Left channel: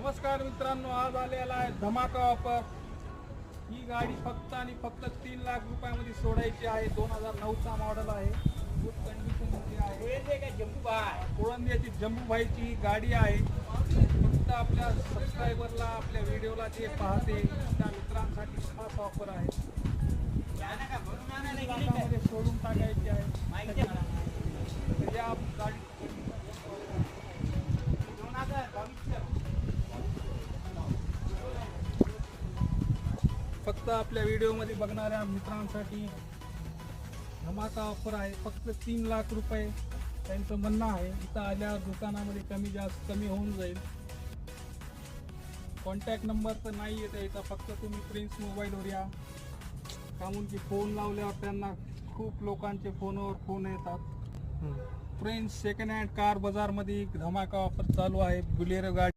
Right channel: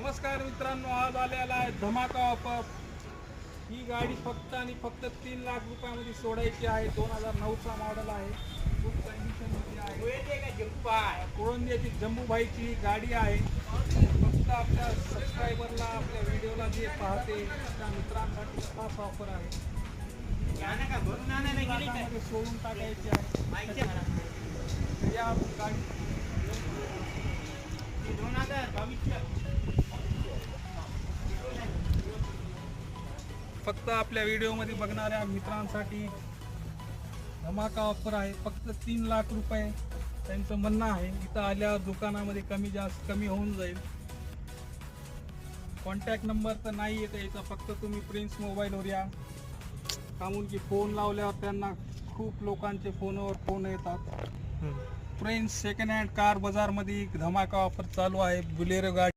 नमस्कार मित्रांनो, आज आलेला आहे धमाका ऑफर। ही गाडी फक्त आणि फक्त 3 लाख रुपयामध्ये सोडायची आहे। 2009चा मॉडेल आहे, खूप कंडिशन मध्ये आहे। कोळंबीची जम्बूभाईची गाडी आहे। फक्त आपल्या सबस्क्रायबरला, आपल्या व्हिडिओला जे पाहते त्या मित्रांसाठी खास ऑफर आहे। लाखामध्ये सोडून टाकायची आहे। या गाडी 2022 फक्त आपल्या व्हिडिओमध्ये बघणाऱ्या मित्रांसाठी धमाका ऑफर आहे। फक्त 3 लाख रुपये त्यांचं म्हणणं आहे। इथं आल्यावर दुकानामध्ये कमी होऊन जाईल। कॉन्टॅक्ट नंबर तर नाही येत याचा, फक्त तुम्ही प्रिन्स मोबाईलवर या। कामून की फोन लावल्यावर त्यांना खूप लोकांचे फोनवर फोन येतात। प्रिन्स सेकंड हँड कार बाजारमध्ये धमाका ऑफर चालू आहे। बुलेरो गाडी